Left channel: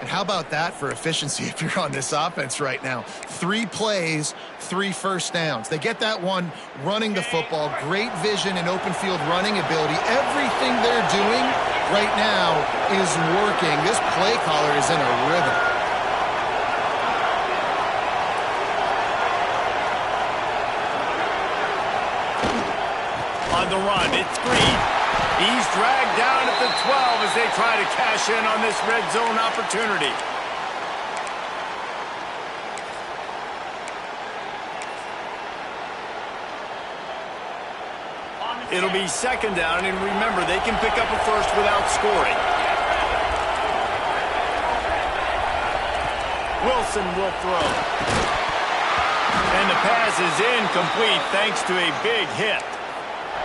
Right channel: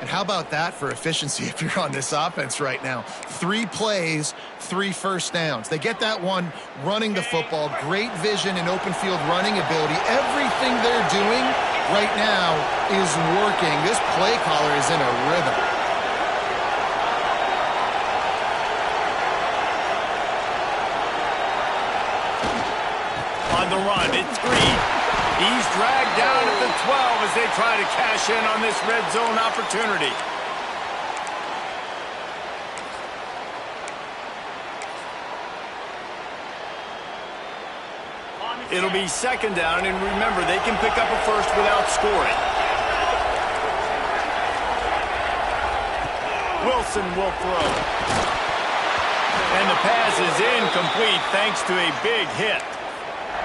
And how about that for efficiency if you're on this offense right now? 3 plays, 3 first downs. They get that one running the football, great vision and open field running ability. Everything they're doing right now is working. This play caller is in a rhythm. On the run, it's Green. He's dragged down at the 12 as they try to cash in on this red zone opportunity. It'll be second down, and remember, they can pick up a first without scoring. Wilson will throw. And the pass is incomplete thanks to a big hit.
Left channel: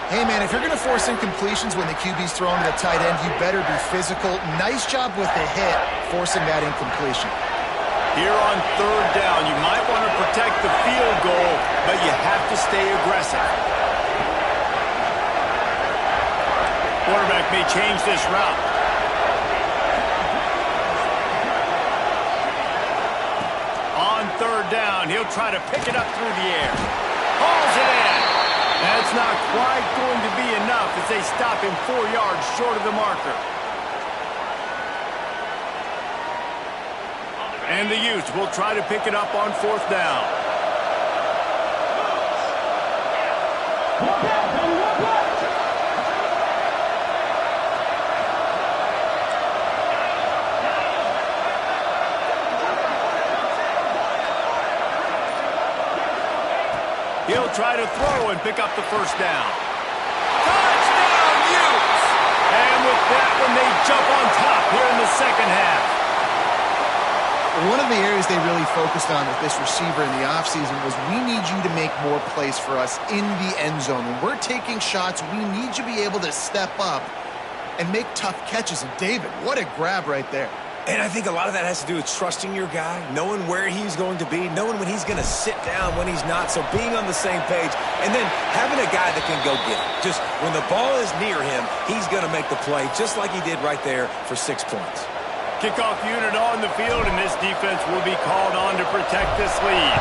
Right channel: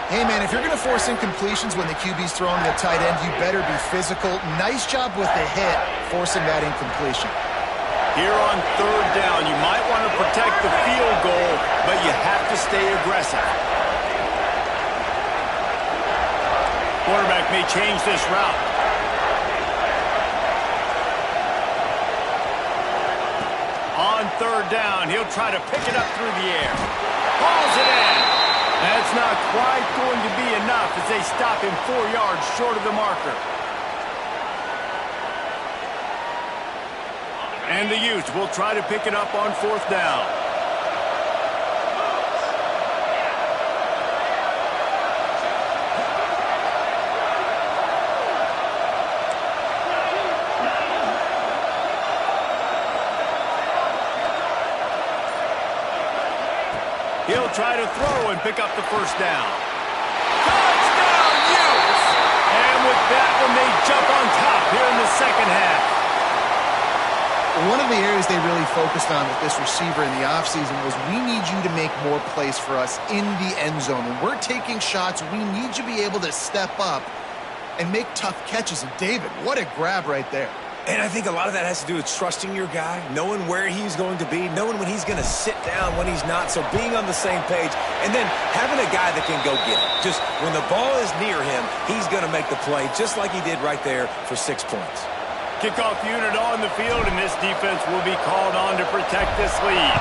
Hey, man, if you're going to force incompletions when the QB's throwing to the tight end, you better be physical. Nice job with the hit, forcing that incompletion. Here on third down, you might want to protect the field goal, but you have to stay aggressive. Quarterback may change this route. On third down, he'll try to pick it up through the air. Hauls it in. That's not quite going to be enough as they stop him 4 yards short of the marker. And the Utes will try to pick it up on fourth down. He'll try to throw and pick up the first down. Touchdown, Utes! And with that one, they jump on top here in the second half. One of the areas they really focused on with this receiver in the offseason was we need you to make more plays for us in the end zone. When we're taking shots, we need you to be able to step up and make tough catches. And David, what a grab right there. And I think a lot of that has to do with trusting your guy, knowing where he's going to be, knowing when he's going to sit down, when he's not. So being on the same page, and then having a guy that can go get it. Just when the ball is near him, he's going to make the play, just like he did right there for 6 points. Kickoff unit on the field, and this defense will be called on to protect this lead.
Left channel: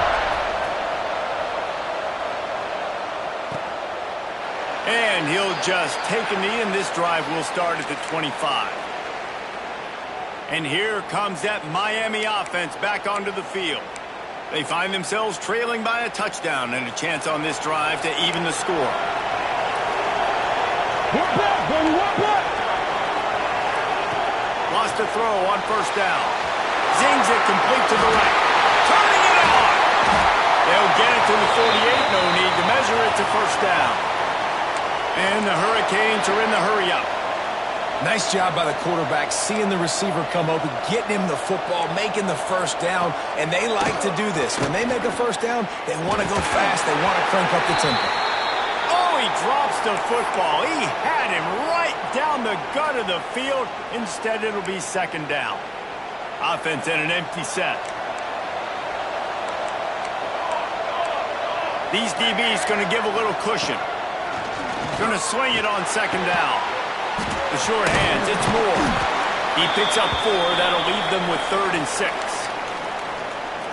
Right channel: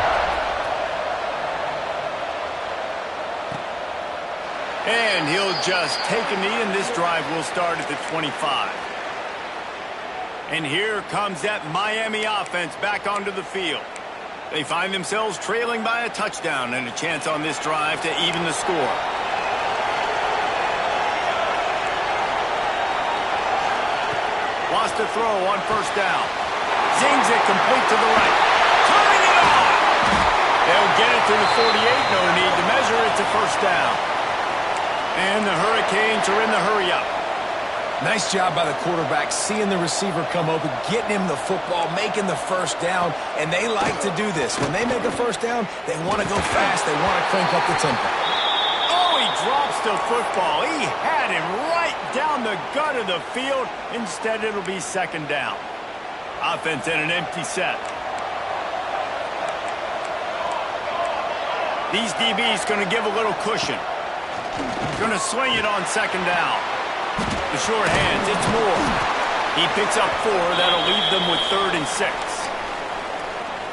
And he'll just take a knee, and this drive will start at the 25. And here comes that Miami offense back onto the field. They find themselves trailing by a touchdown and a chance on this drive to even the score. Lost a throw on first down. Zings it complete to the right. Turning it on! They'll get it to the 48. No need to measure it to first down. And the Hurricanes are in the hurry-up. Nice job by the quarterback, seeing the receiver come open, getting him the football, making the first down, and they like to do this. When they make a first down, they want to go fast. They want to crank up the tempo. Oh, he drops the football. He had him right down the gut of the field. Instead, it'll be second down. Offense in an empty set. These DBs going to give a little cushion. Going to swing it on second down. The short hands, it's Moore. He picks up 4. That'll leave them with 3rd and 6.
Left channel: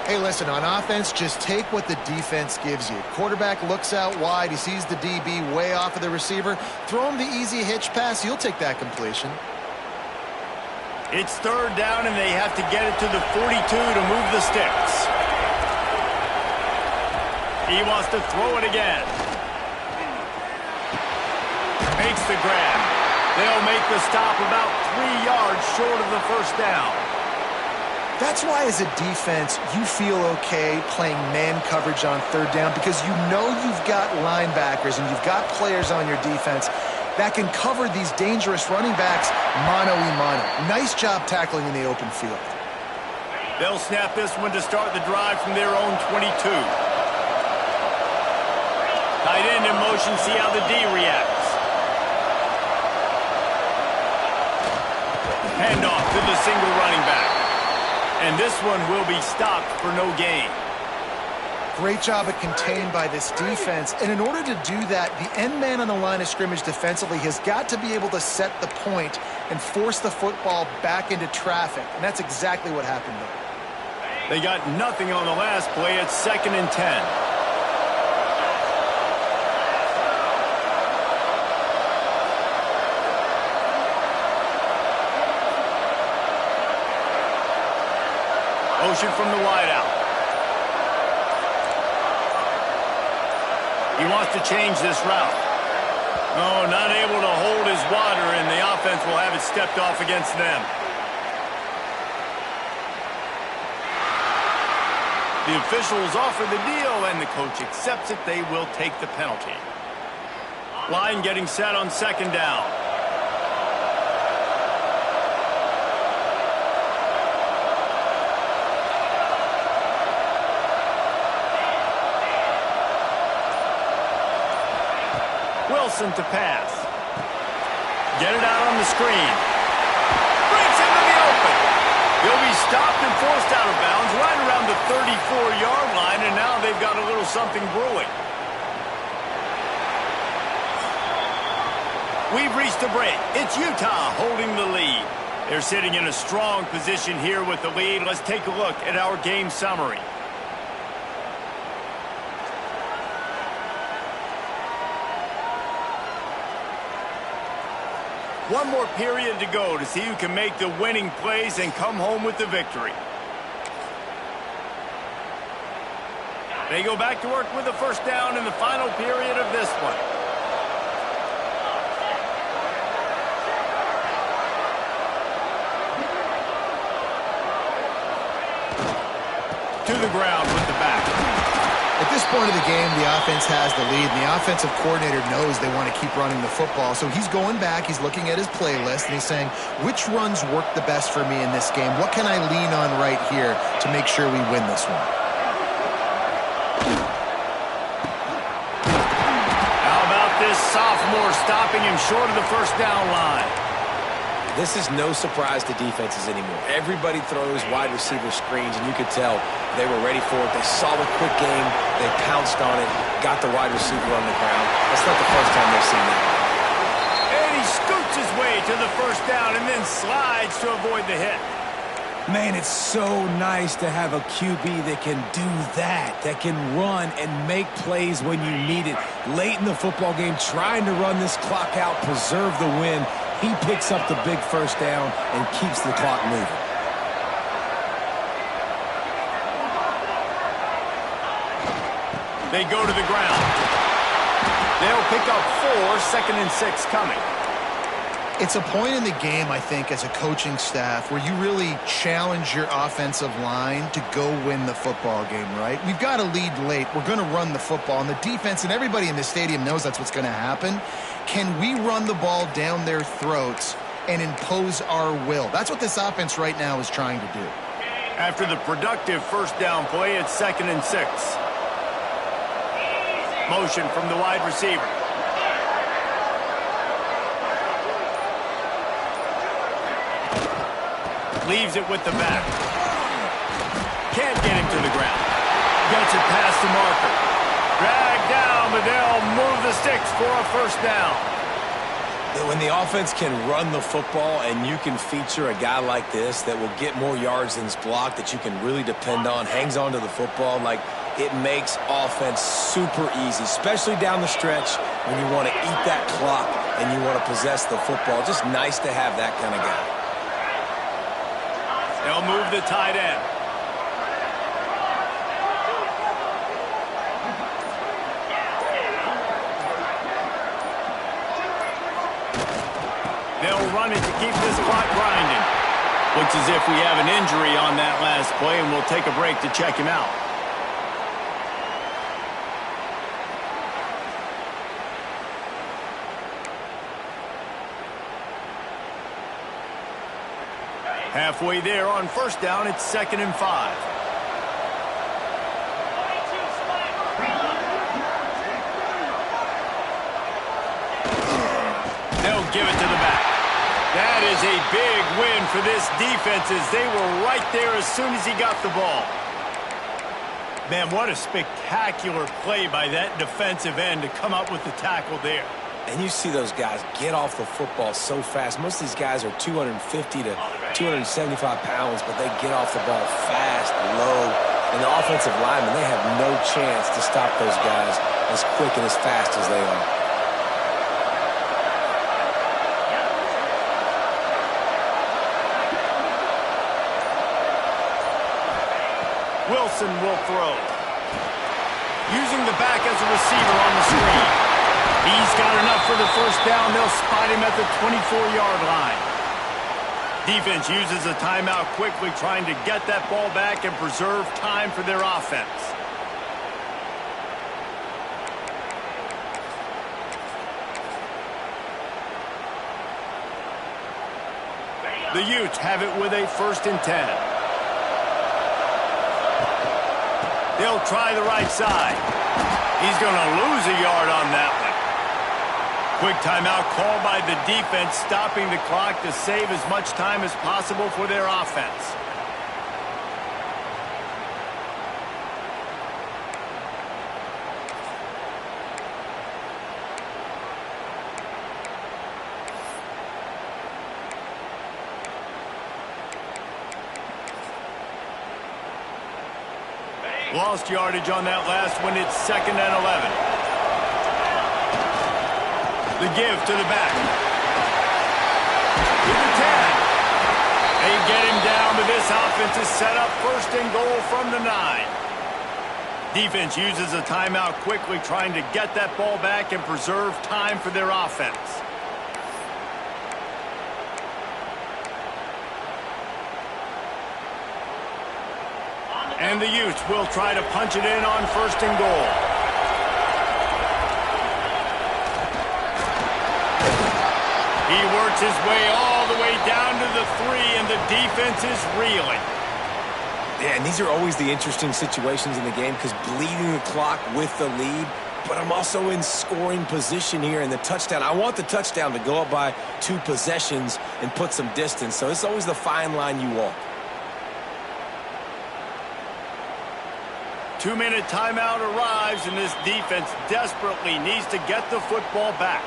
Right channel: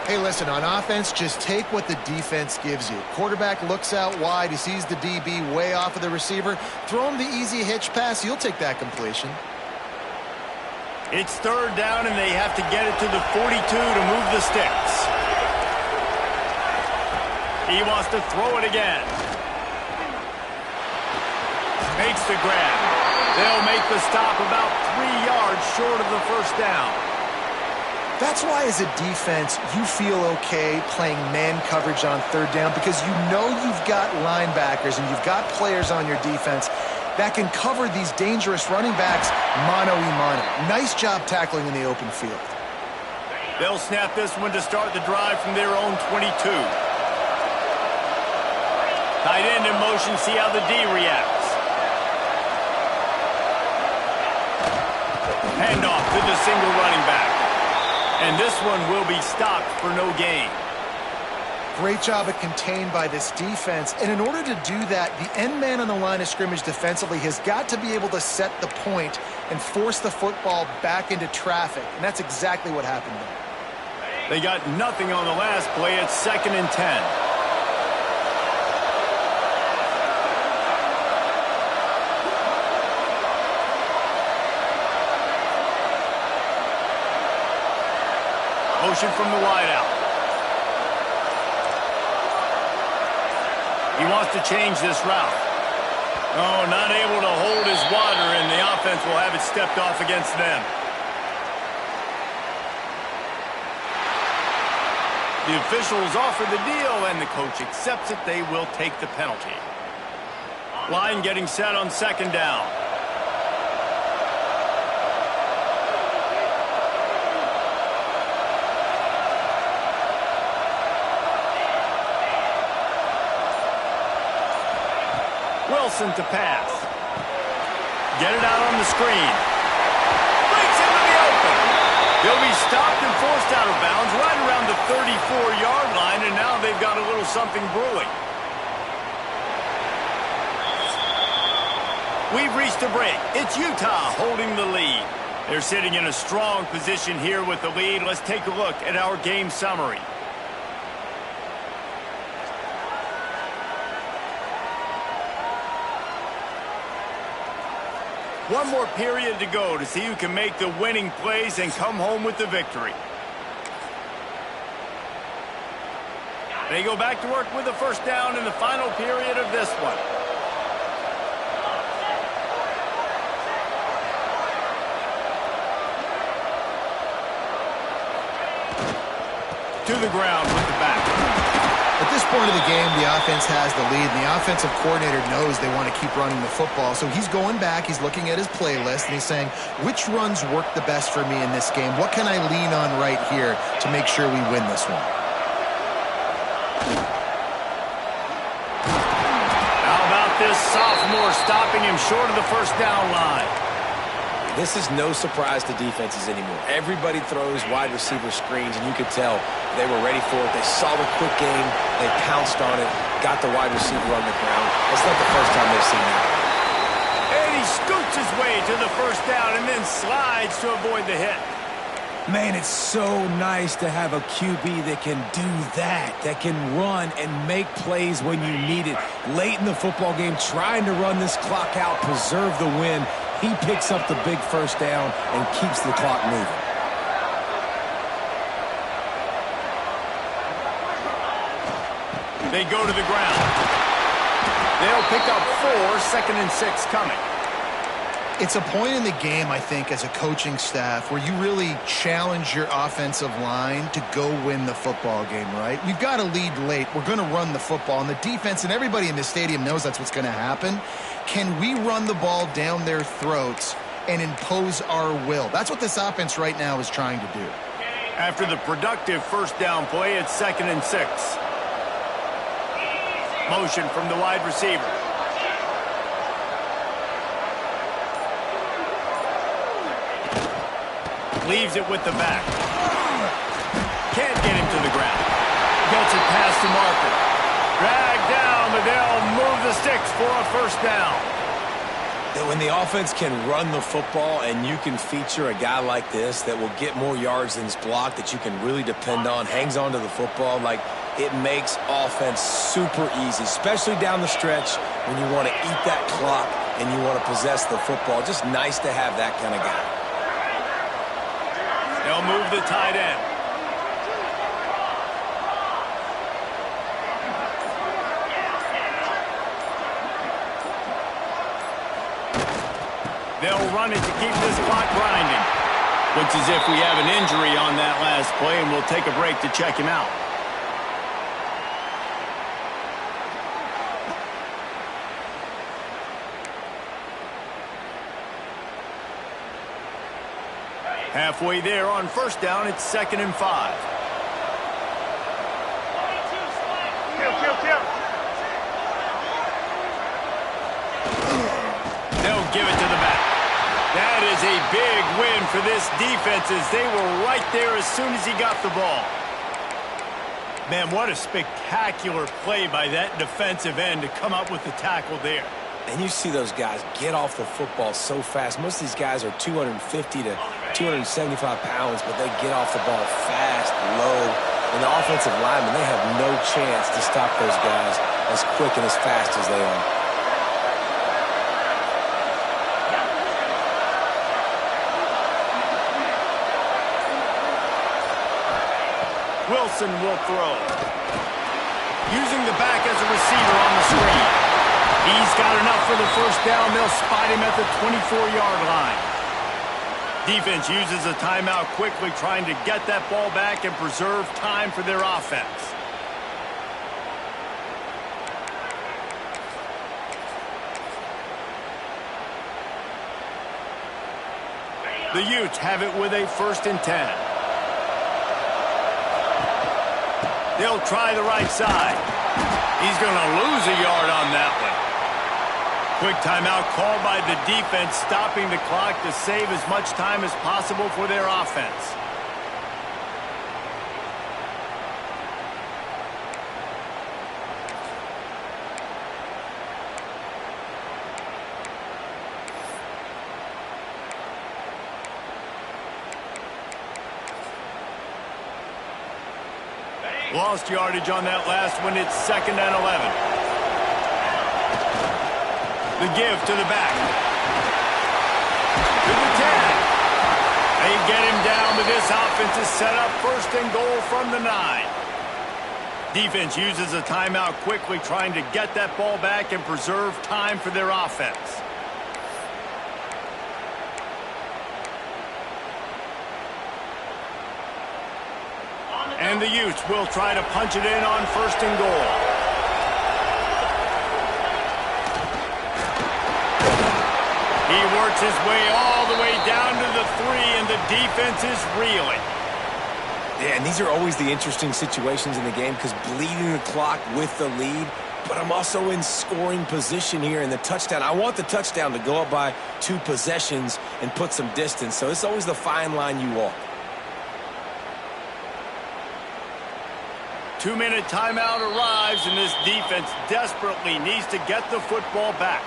Hey, listen, on offense, just take what the defense gives you. Quarterback looks out wide. He sees the DB way off of the receiver. Throw him the easy hitch pass. You'll take that completion. It's 3rd down, and they have to get it to the 42 to move the sticks. He wants to throw it again. Makes the grab. They'll make the stop about 3 yards short of the first down. That's why, as a defense, you feel okay playing man coverage on 3rd down, because you know you've got linebackers and you've got players on your defense that can cover these dangerous running backs mano-a-mano. Nice job tackling in the open field. They'll snap this one to start the drive from their own 22. Tight end in motion, see how the D reacts. Handoff to the single running back. And this one will be stopped for no gain. Great job at contained by this defense. And in order to do that, the end man on the line of scrimmage defensively has got to be able to set the point and force the football back into traffic. And that's exactly what happened there. They got nothing on the last play. It's 2nd and 10. Motion from the wideout. He wants to change this route. Oh, not able to hold his water, and the offense will have it stepped off against them. The officials offer the deal, and the coach accepts it. They will take the penalty. Line getting set on 2nd down. Wilson to pass. Get it out on the screen. Breaks into the open. He'll be stopped and forced out of bounds right around the 34-yard line, and now they've got a little something brewing. We've reached a break. It's Utah holding the lead. They're sitting in a strong position here with the lead. Let's take a look at our game summary. One more period to go to see who can make the winning plays and come home with the victory. They go back to work with a first down in the final period of this one. To the ground with the back. At this point of the game, the offense has the lead, and the offensive coordinator knows they want to keep running the football. So he's going back, he's looking at his playlist, and he's saying, which runs work the best for me in this game? What can I lean on right here to make sure we win this one? How about this sophomore stopping him short of the first down line? This is no surprise to defenses anymore. Everybody throws wide receiver screens, and you could tell they were ready for it. They saw the quick game. They pounced on it, got the wide receiver on the ground. That's not the first time they've seen that. And he scoots his way to the first down and then slides to avoid the hit. Man, it's so nice to have a QB that can do that can run and make plays when you need it. Late in the football game, trying to run this clock out, preserve the win. He picks up the big first down and keeps the clock moving. They go to the ground. They'll pick up 4, 2nd and 6 coming. It's a point in the game, I think, as a coaching staff where you really challenge your offensive line to go win the football game, right? We've got to lead late. We're going to run the football. And the defense and everybody in the stadium knows that's what's going to happen. Can we run the ball down their throats and impose our will? That's what this offense right now is trying to do. After the productive first down play, it's 2nd and 6. Motion from the wide receiver. Leaves it with the back. Can't get him to the ground. Gets it past the marker. Dragged down, but they'll move the sticks for a first down. When the offense can run the football and you can feature a guy like this that will get more yards than his block, that you can really depend on, hangs on to the football, like it makes offense super easy, especially down the stretch when you want to eat that clock and you want to possess the football. Just nice to have that kind of guy. They'll move the tight end. They'll run it to keep this clock grinding. Looks as if we have an injury on that last play, and we'll take a break to check him out. Halfway there on first down, it's 2nd and 5. They'll give it to the back. That is a big win for this defense as they were right there as soon as he got the ball. Man, what a spectacular play by that defensive end to come up with the tackle there. And you see those guys get off the football so fast. Most of these guys are 250 to 275 pounds, but they get off the ball fast, low. And the offensive linemen, they have no chance to stop those guys as quick and as fast as they are. Wilson will throw. Using the back as a receiver on the screen. He's got enough for the first down. They'll spot him at the 24-yard line. Defense uses a timeout quickly, trying to get that ball back and preserve time for their offense. The Utes have it with a 1st and 10. They'll try the right side. He's going to lose a yard on that one. Quick timeout called by the defense, stopping the clock to save as much time as possible for their offense. Lost yardage on that last one. It's 2nd and 11. The give to the back. To the 10. They get him down, but this offense is set up 1st and goal from the 9. Defense uses a timeout quickly, trying to get that ball back and preserve time for their offense. And the Utes will try to punch it in on 1st and goal. He works his way all the way down to the 3, and the defense is reeling. Yeah, and these are always the interesting situations in the game because bleeding the clock with the lead, but I'm also in scoring position here in the touchdown. I want the touchdown to go up by 2 possessions and put some distance, so it's always the fine line you walk. 2-minute timeout arrives, and this defense desperately needs to get the football back.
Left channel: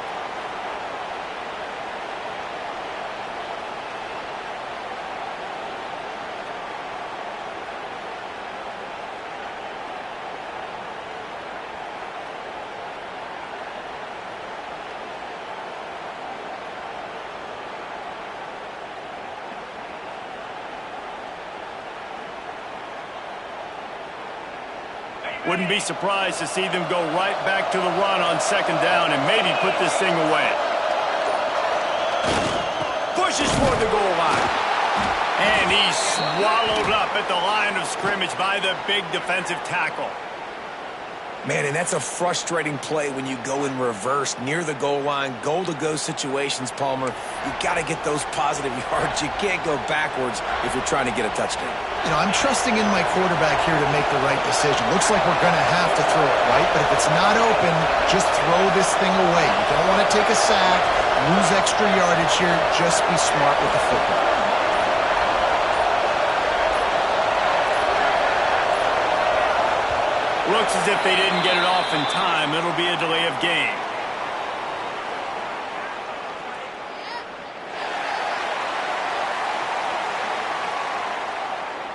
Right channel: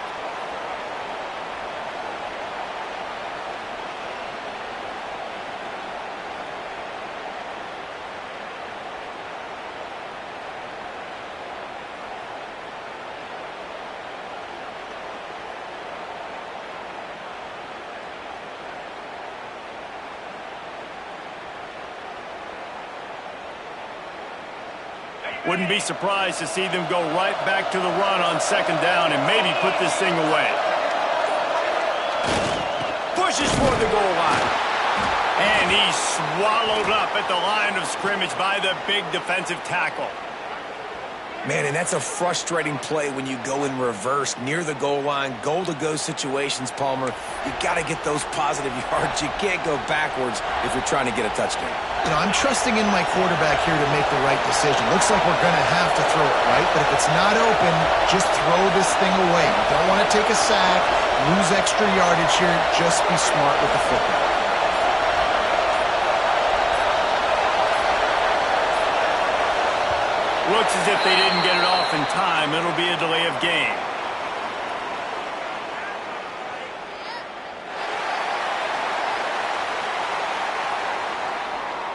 Wouldn't be surprised to see them go right back to the run on 2nd down and maybe put this thing away. Pushes for the goal line. And he's swallowed up at the line of scrimmage by the big defensive tackle. Man, and that's a frustrating play when you go in reverse near the goal line, goal-to-go situations, Palmer. You got to get those positive yards. You can't go backwards if you're trying to get a touchdown. You know, I'm trusting in my quarterback here to make the right decision. Looks like we're going to have to throw it, right? But if it's not open, just throw this thing away. You don't want to take a sack, lose extra yardage here. Just be smart with the football. Looks as if they didn't get it off in time. It'll be a delay of game.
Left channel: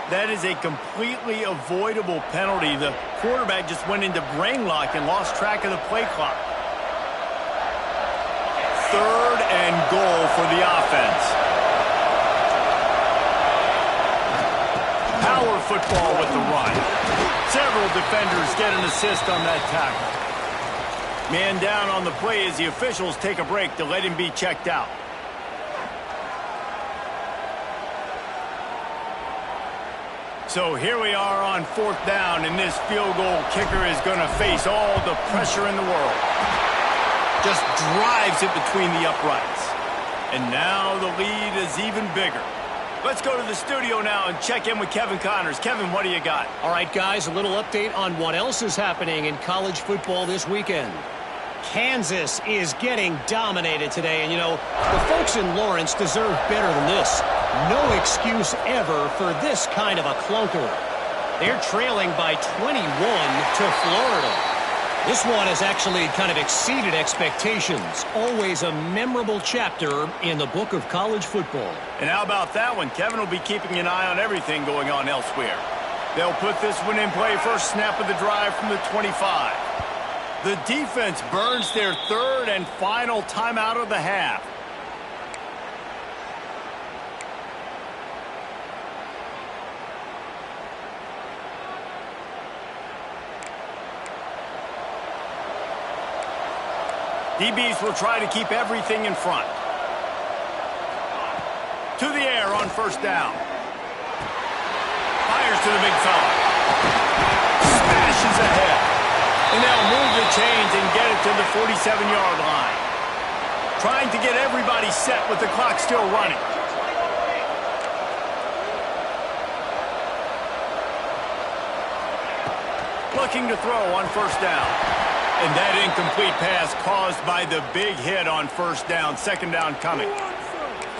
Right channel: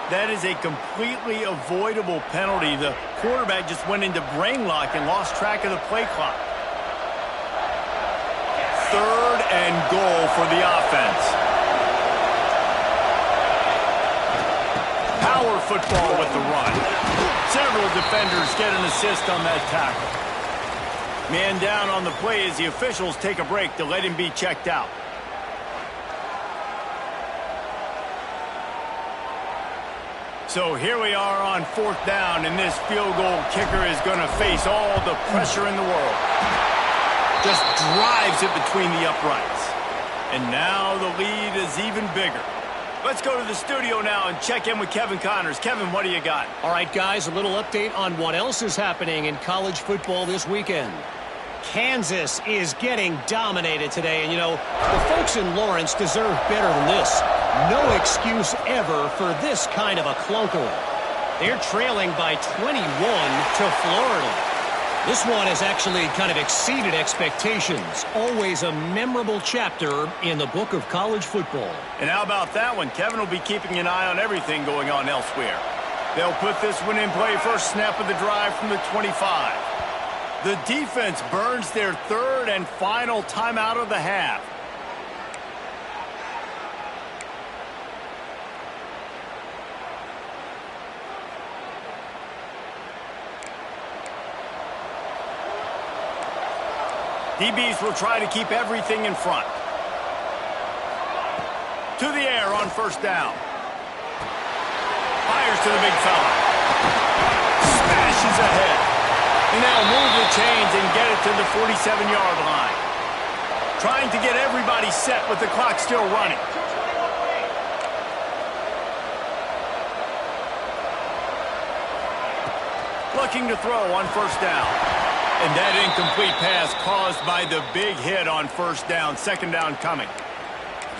That is a completely avoidable penalty. The quarterback just went into brain lock and lost track of the play clock. 3rd and goal for the offense. Power football with the run. Several defenders get an assist on that tackle. Man down on the play as the officials take a break to let him be checked out. So here we are on 4th down, and this field goal kicker is going to face all the pressure in the world. Just drives it between the uprights. And now the lead is even bigger. Let's go to the studio now and check in with Kevin Connors. Kevin, what do you got? All right, guys, a little update on what else is happening in college football this weekend. Kansas is getting dominated today, and, you know, the folks in Lawrence deserve better than this. No excuse ever for this kind of a clunker. They're trailing by 21 to Florida. This one has actually kind of exceeded expectations. Always a memorable chapter in the book of college football. And how about that one? Kevin will be keeping an eye on everything going on elsewhere. They'll put this one in play first snap of the drive from the 25. The defense burns their third and final timeout of the half. DBs will try to keep everything in front. To the air on first down. Fires to the big fella. Smashes ahead. And they'll move the chains and get it to the 47-yard line. Trying to get everybody set with the clock still running. Looking to throw on first down. And that incomplete pass caused by the big hit on first down. Second down coming.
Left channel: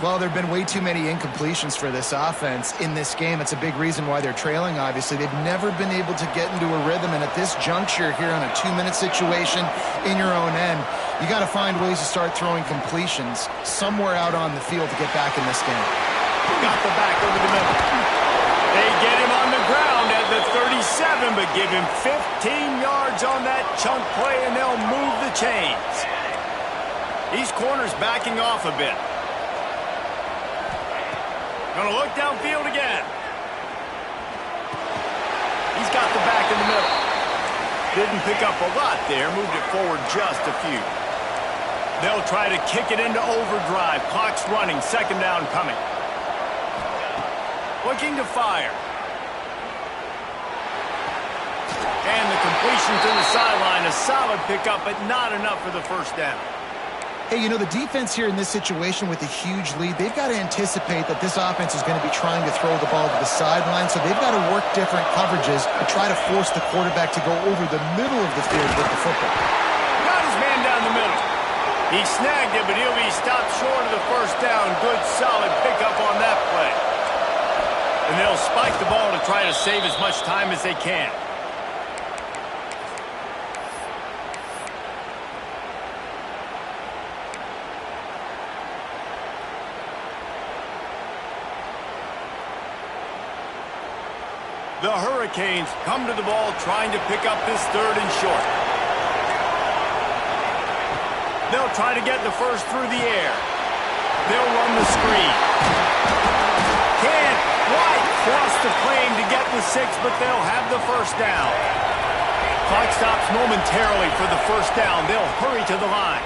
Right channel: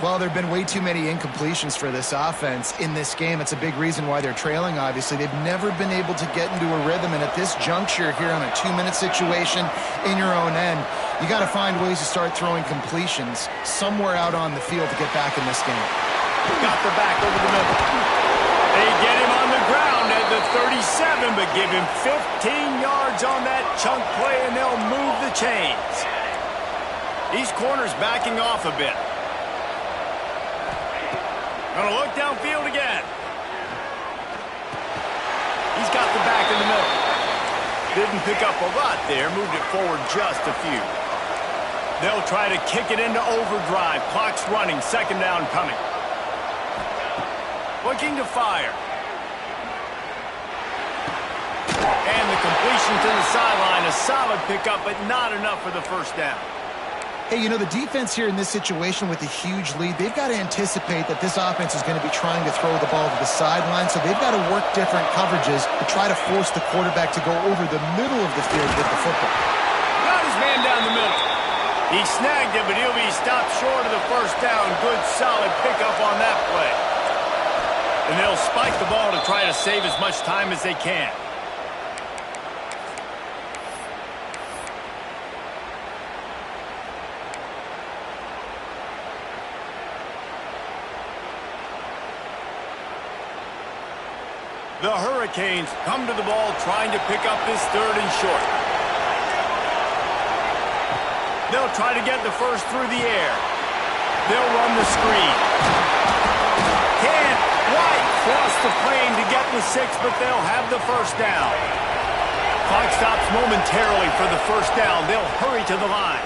Well, there have been way too many incompletions for this offense in this game. It's a big reason why they're trailing, obviously. They've never been able to get into a rhythm, and at this juncture here on a 2-minute situation in your own end, you got to find ways to start throwing completions somewhere out on the field to get back in this game. Got the back over the middle. They get him on the ground at the 37, but give him 15 yards on that chunk play, and they'll move the chains. These corners backing off a bit. Gonna look downfield again. He's got the back in the middle. Didn't pick up a lot there, moved it forward just a few. They'll try to kick it into overdrive. Clock's running, second down coming. Looking to fire. And the completion to the sideline, a solid pickup, but not enough for the first down. Hey, you know, the defense here in this situation with a huge lead, they've got to anticipate that this offense is going to be trying to throw the ball to the sideline, so they've got to work different coverages to try to force the quarterback to go over the middle of the field with the football. Got his man down the middle. He snagged it, but he'll be stopped short of the first down. Good, solid pickup on that play. And they'll spike the ball to try to save as much time as they can. The Hurricanes come to the ball trying to pick up this third and short. They'll try to get the first through the air. They'll run the screen. Can't quite cross the plane to get the 6, but they'll have the first down. Clock stops momentarily for the first down. They'll hurry to the line.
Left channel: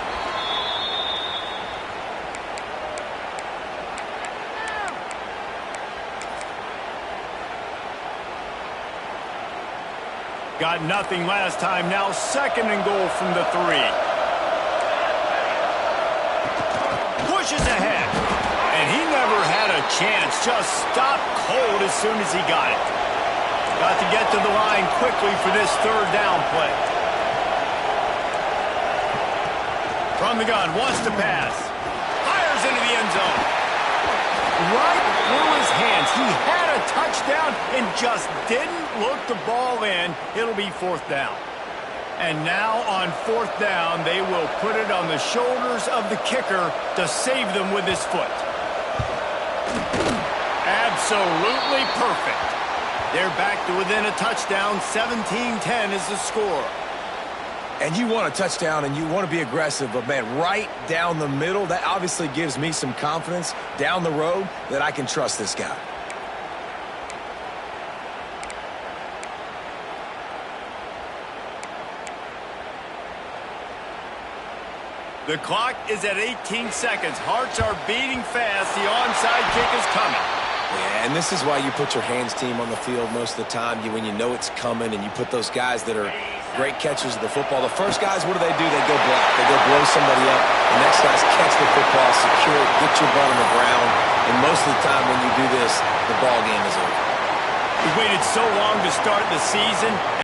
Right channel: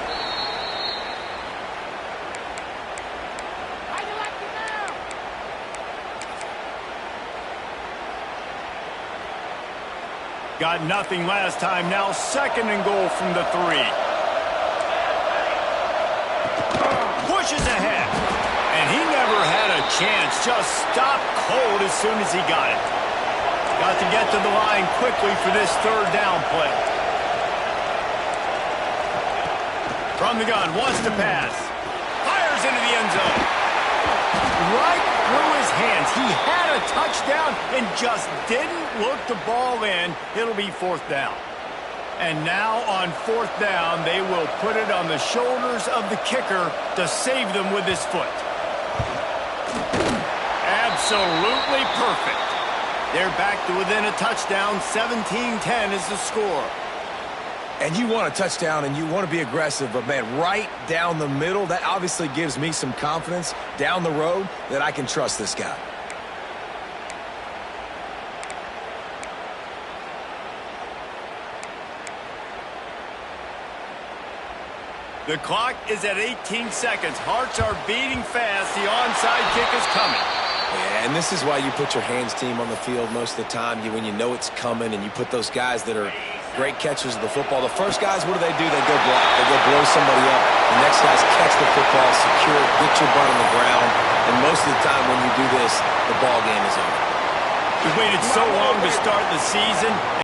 Got nothing last time. Now second and goal from the 3. Pushes ahead. And he never had a chance. Just stopped cold as soon as he got it. Got to get to the line quickly for this third down play. From the gun, wants to pass. Fires into the end zone. Right through his hands. He had a touchdown and just didn't look the ball in. It'll be fourth down. And now on fourth down, they will put it on the shoulders of the kicker to save them with his foot. Absolutely perfect. They're back to within a touchdown. 17-10 is the score. And you want a touchdown and you want to be aggressive, but man, right down the middle, that obviously gives me some confidence down the road that I can trust this guy. The clock is at 18 seconds. Hearts are beating fast. The onside kick is coming. Yeah, and this is why you put your hands team on the field most of the time. When you know it's coming and you put those guys that are great catchers of the football. The first guys, what do? They go block. They go blow somebody up. The next guys catch the football, secure it, get your butt on the ground. And most of the time when you do this, the ball game is over. We waited so long to start the season.